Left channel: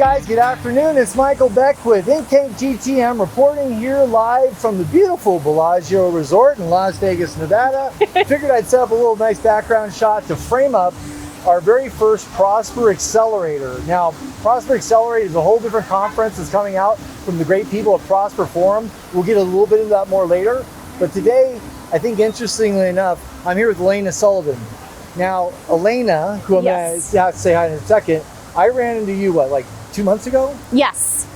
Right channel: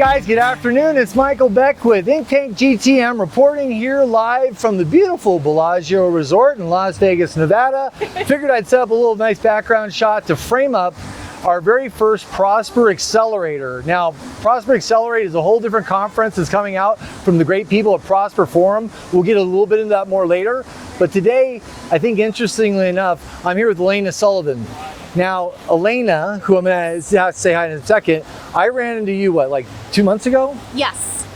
guys, good afternoon. It's Michael Beck with Chat GTM reporting here live from the beautiful Bellagio Resort in Las Vegas, Nevada. Figured I'd set up a little nice background shot to frame up our very first Prosper Accelerator. Now, Prosper Accelerate is a whole different conference that's coming out from the great people at Prosper Forum. We'll get a little bit into that more later. But today, I think interestingly enough, I'm here with Alayna Sullivan. Now, Elena, who I'm going to say hi in a second, I ran into you, like 2 months ago? Yes.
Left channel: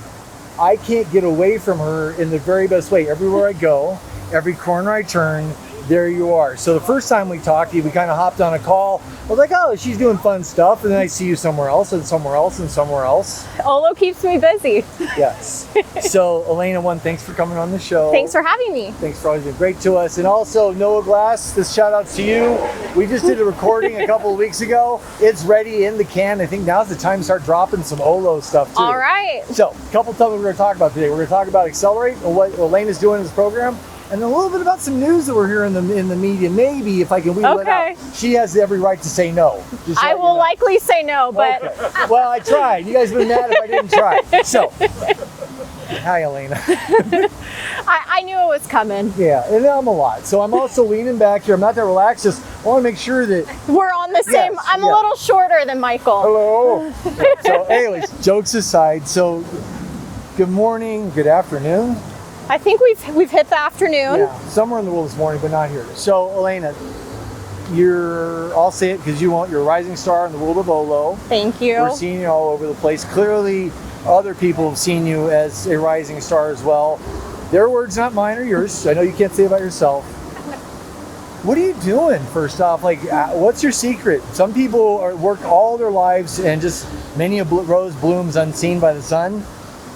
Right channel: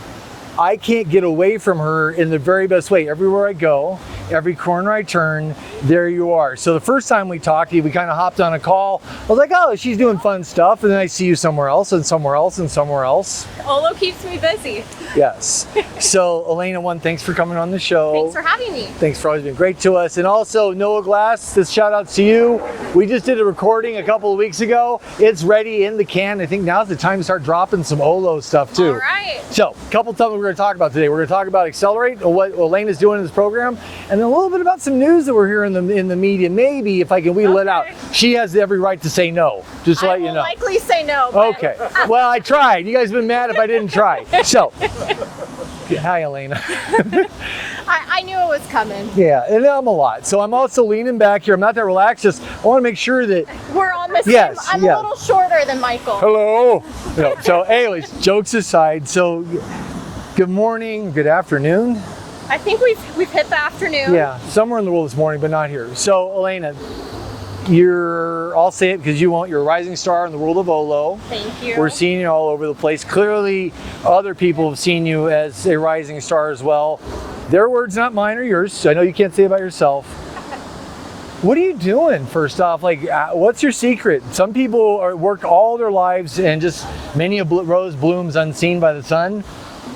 I can't get away from her in the very best way. Everywhere I go, every corner I turn, there you are. So the first time we talked, we kind of hopped on a call. I was like, oh, she's doing fun stuff. And then I see you somewhere else and somewhere else and somewhere else. Olo keeps me busy. Yes. So Elena, thanks for coming on the show. Thanks for having me. Thanks for always being great to us. And also Noah Glass, this shout out to you. We just did a recording a couple of weeks ago. It's ready in the can. I think now's the time to start dropping some Olo stuff too. All right. So a couple of topics we're going to talk about today. We're going to talk about Accelerate, or what Elena's doing in this program, and then a little bit about some news that we're hearing in the media. Maybe if I can wheel it out. She has every right to say no. Just to let you know. I will likely say no. But... Okay. Well, I tried. You guys would have been mad if I didn't try. So, hi, Elena. I knew it was coming. Yeah, and I'm a lot. So I'm also leaning back here. I'm not that relaxed. Just I want to make sure that we're on the same. I'm a little shorter than Michael. Hello. Yeah, so, anyways, jokes aside. So, good morning. Good afternoon. I think we've hit the afternoon. Yeah, somewhere in the world this morning, but not here. So, Elena, I'll say it because you're a rising star in the world of Olo. Thank you. We're seeing you all over the place. Clearly, other people have seen you as a rising star as well. Their words, not mine or yours. I know you can't say about yourself. What are you doing, first off? What's your secret? Some people work all their lives and just many a rose blooms unseen by the sun.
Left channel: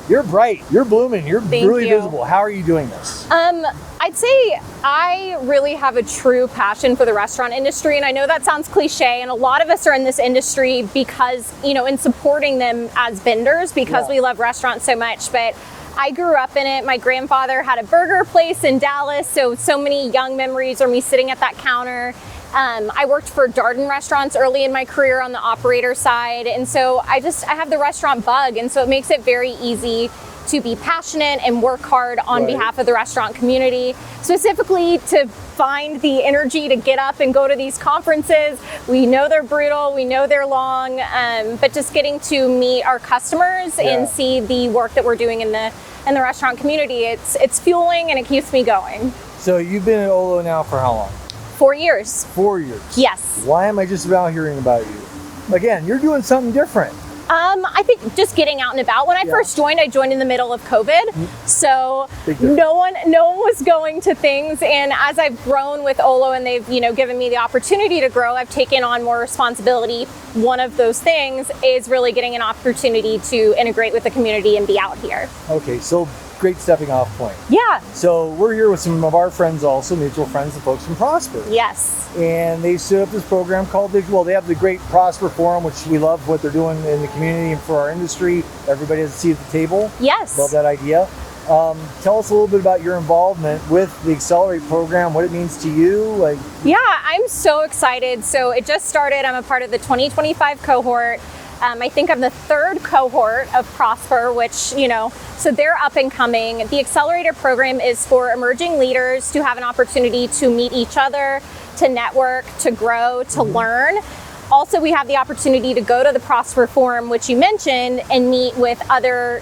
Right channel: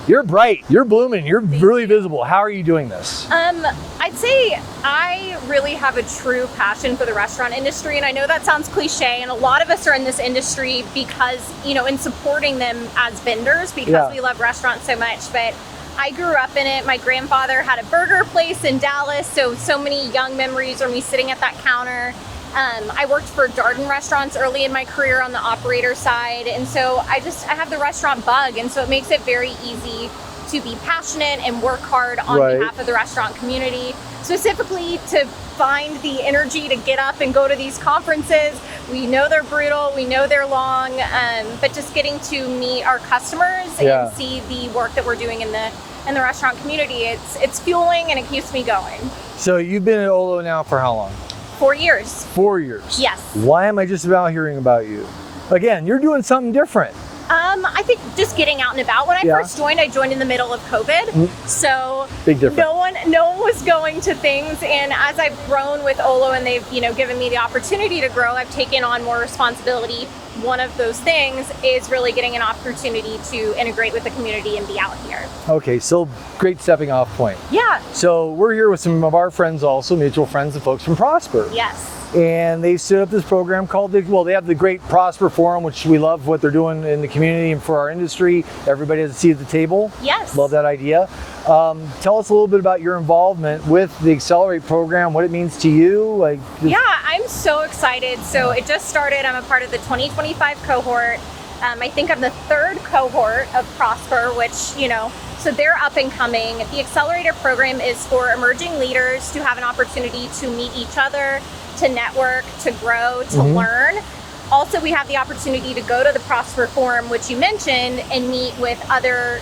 You're bright, you're blooming, you're really visible. How are you doing this? I'd say I really have a true passion for the restaurant industry, and I know that sounds cliche, and a lot of us are in this industry because, in supporting them as vendors because we love restaurants so much, but I grew up in it. My grandfather had a burger place in Dallas, so many young memories are me sitting at that counter. I worked for Darden restaurants early in my career on the operator side, and so I have the restaurant bug, and so it makes it very easy to be passionate and work hard on behalf of the restaurant community, specifically to find the energy to get up and go to these conferences. We know they're brutal, we know they're long, but just getting to meet our customers and see the work that we're doing in the restaurant community, it's fueling and it keeps me going. So you've been at Olo now for how long? 4 years. 4 years? Yes. Why am I just about hearing about you? Again, you're doing something different. I think just getting out and about. When I first joined, I joined in the middle of COVID. So no one was going to things. And as I've grown with Olo and they've, given me the opportunity to grow, I've taken on more responsibility. One of those things is really getting an opportunity to integrate with the community and be out here. Okay, so great stepping off point. Yeah. So we're here with some of our friends also, mutual friends and folks from Prosper. Yes. And they set up this program called, they have the great Prosper Forum, which we love what they're doing in the community and for our industry. Everybody has a seat at the table. Yes. Love that idea. Tell us a little bit about your involvement with the Accelerate program, what it means to you. Yeah, I'm so excited. So it just started. I'm a part of the 2025 cohort. I think I'm the third cohort of Prosper, which, so they're up and coming. The Accelerator program is for emerging leaders to have an opportunity to meet each other, to network, to grow, to learn. Also, we have the opportunity to go to the Prosper Forum, which you mentioned, and meet with other,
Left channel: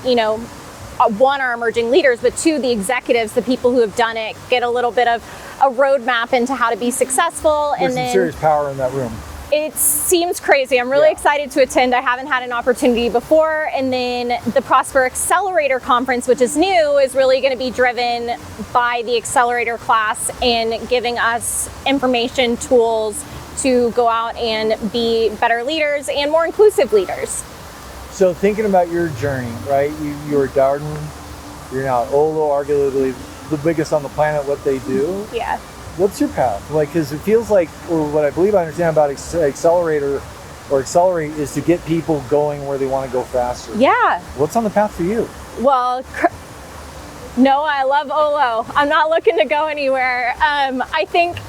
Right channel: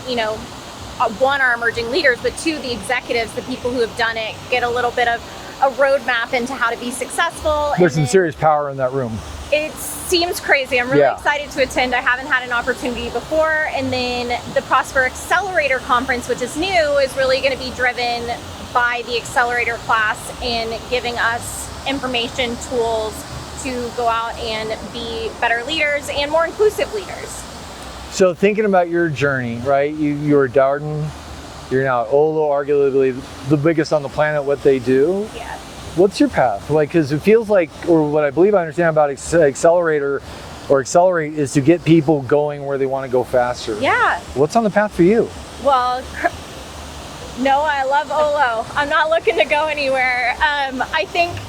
one, our emerging leaders, but two, the executives, the people who have done it, get a little bit of a roadmap into how to be successful. There's some serious power in that room. It seems crazy. I'm really excited to attend. I haven't had an opportunity before. And then the Prosper Accelerator Conference, which is new, is really going to be driven by the Accelerator class and giving us information, tools to go out and be better leaders and more inclusive leaders. So thinking about your journey, right? You were Darden, you're now at Olo, arguably the biggest on the planet, what they do. Yeah. What's your path? Because it feels like, or what I believe I understand about Accelerator or Accelerate is to get people going where they want to go faster. Yeah. What's on the path for you? Well, no, I love Olo. I'm not looking to go anywhere. I think,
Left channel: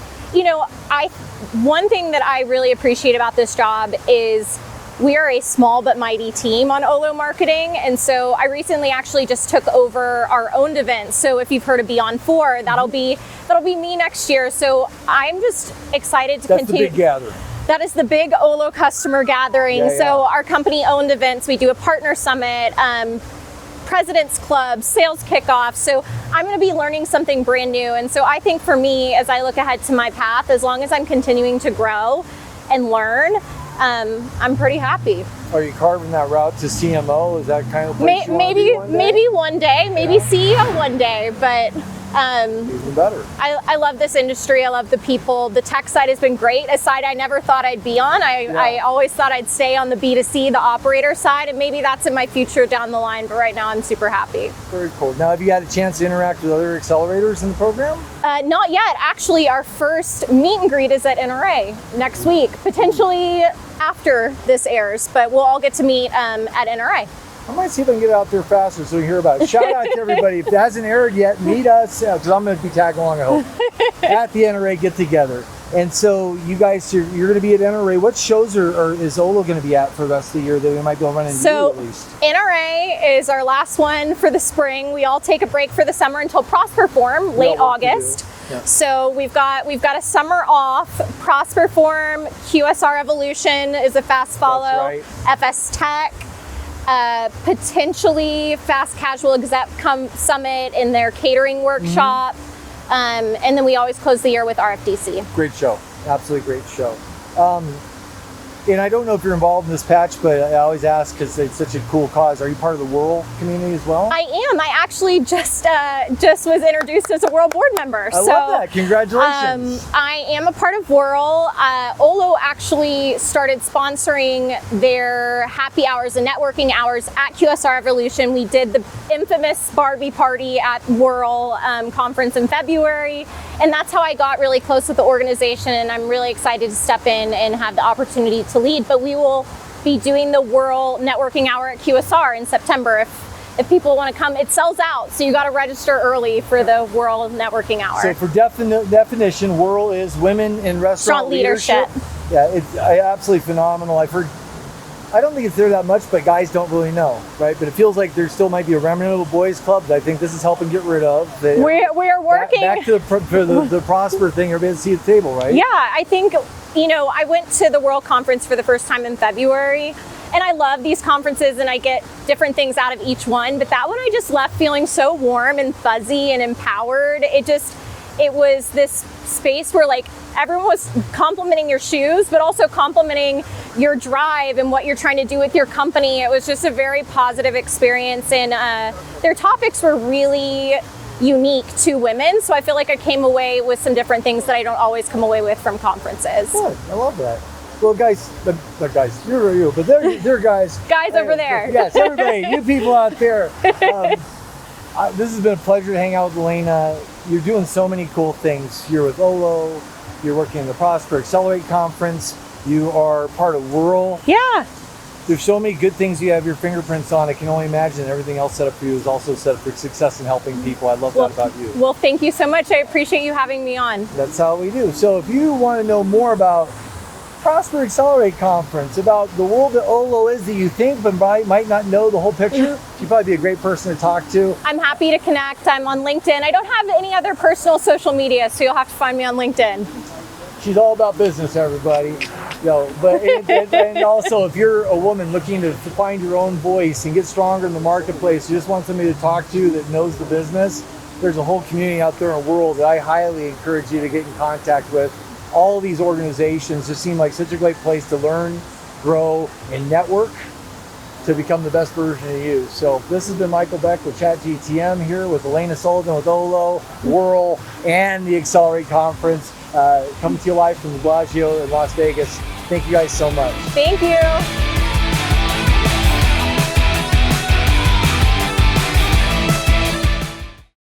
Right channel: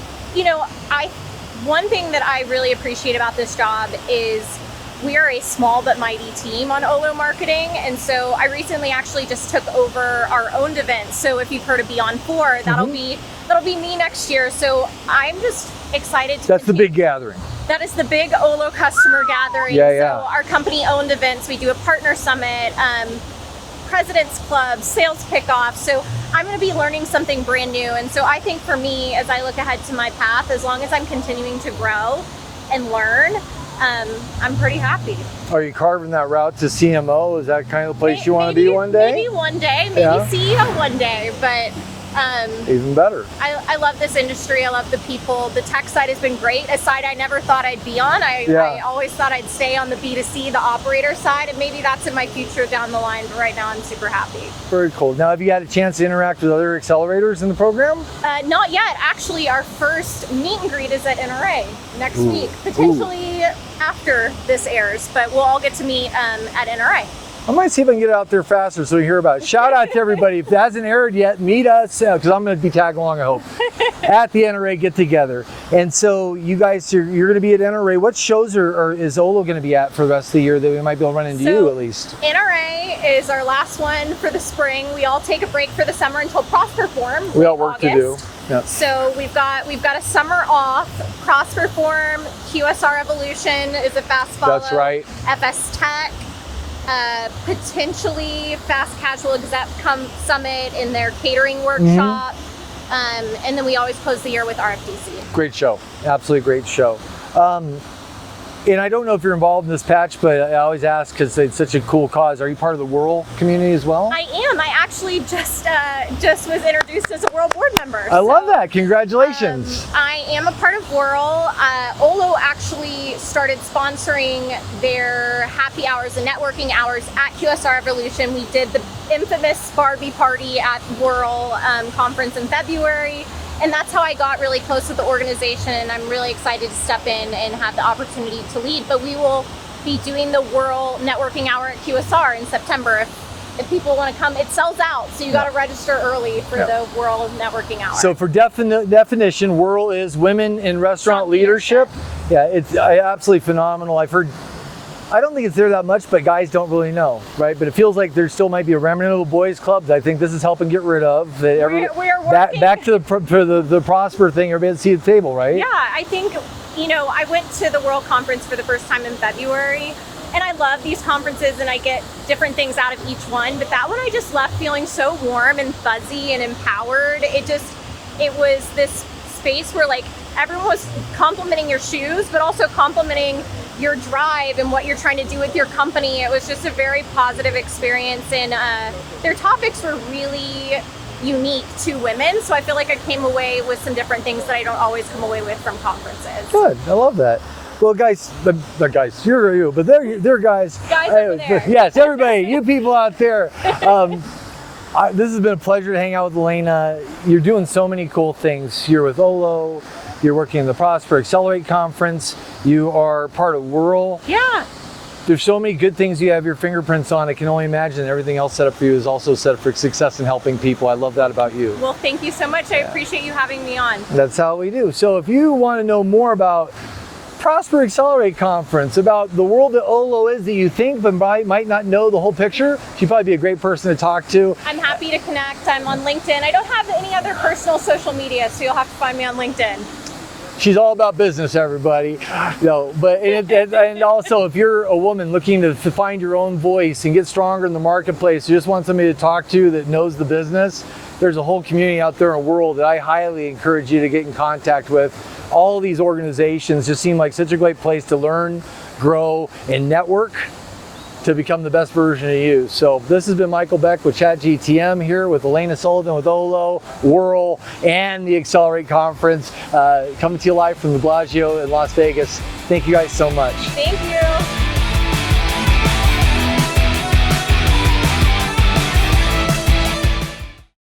one thing that I really appreciate about this job is we are a small but mighty team on Olo marketing. And so I recently actually just took over our owned event. So if you've heard of Beyond 4, that'll be me next year. So I'm just excited to That's continue. the big gathering. That is the big Olo customer gathering. Yeah. So our company owned events, we do a partner summit, President's Club, sales kickoff. So I'm going to be learning something brand new. And so I think for me, as I look ahead to my path, as long as I'm continuing to grow and learn, I'm pretty happy. Are you carving that route to CMO? Is that kind of place you want to be one day? Maybe one day, maybe CEO one day, but even better. I love this industry. I love the people. The tech side has been great. A side I never thought I'd be on. I always thought I'd stay on the B2C, the operator side, and maybe that's in my future down the line. But right now, I'm super happy. Very cool. Now, have you had a chance to interact with other accelerators in the program? Not yet. Actually, our first meet and greet is at NRA next week, potentially after this airs, but we'll all get to meet at NRA. I might see if I can get it out there faster so you hear about it. Shout out to everybody. If it hasn't aired yet, meet us, because I'm going to be tagging along, I hope, at the NRA get together. And so you guys, you're going to be at NRA. What shows is Olo going to be at for the rest of the year that we might be able to run into you at least? NRA is our last one for the spring. We all take a break for the summer until Prosperform, late August. Yep. So we've got a summer off. Prosperform, QSR Evolution is a fast follow. That's right. FS Tech. Potentially Fast Casual Exec Summit in their catering workshop. And then we always close the year with RFDC. Great show. Absolutely great show. And I don't know if you're involved in this patch, but I always ask because it's such a cool cause. Are you part of the WIRL community as well? I am. I actually just was introduced as a WIRL board member. I love that. Congratulations. I am a part of WIRL. Olo actually started sponsoring their happy hours and networking hours at QSR Evolution. We did the infamous Barbie party at WIRL conference in February. And that's how I got really close with the organization, and I'm really excited to step in and have the opportunity to lead. But we will be doing the WIRL Networking Hour at QSR in September. If people want to come, it sells out, so you got to register early for the WIRL Networking Hour. So for definition, WIRL is Women in Restaurant Leadership. Yeah, it's absolutely phenomenal. I've heard, I don't think it's there that much, but guys don't really know, right? But it feels like there still might be a remnant of boys clubs. I think this is helping get rid of. We're working. Back to the Prosper thing, everybody at the seat at the table, right? Yeah, I think, I went to the WIRL conference for the first time in February, and I love these conferences and I get different things out of each one, but that one I just left feeling so warm and fuzzy and empowered. It was this space where like everyone was complimenting your shoes, but also complimenting your drive and what you're trying to do with your company. It was just a very positive experience, and their topics were really unique to women. So I feel like I came away with some different things that I don't always come away with from conferences. Good, I love that. Well, guys, the guys, you're you, but they're guys. Guys over there. Yes, everybody, you people out there. This has been a pleasure to hang out with Elena. You're doing so many cool things here with Olo. You're working in the Prosper Accelerate Conference. You are part of WIRL. Yeah. There's so many good things you have your fingerprints on. I can only imagine everything else set up for you is also set up for success and helping people. I love that about you. Well, thank you so much. I appreciate you having me on. That's how we do. So if you want to know more about Prosper Accelerate Conference, about the world that Olo is that you think but might not know the whole picture, she'd probably be a great person to talk to. I'm happy to connect. I'm on LinkedIn. I don't have any other personal social media, so you'll have to find me on LinkedIn. She's all about business, everybody. And also, if you're a woman looking to find your own voice and get stronger in the marketplace, you just want somebody to talk to that knows the business, there's a whole community out there in the world that I highly encourage you to get in contact with. All these organizations just seem like such a great place to learn, grow, and network to become the best version of you. So this has been Michael Beck with Chat GTM here with Alayna Sullivan with Olo, WIRL, and the Accelerate Conference. Coming to you live from the Bellagio in Las Vegas. Thank you guys so much. Thank you.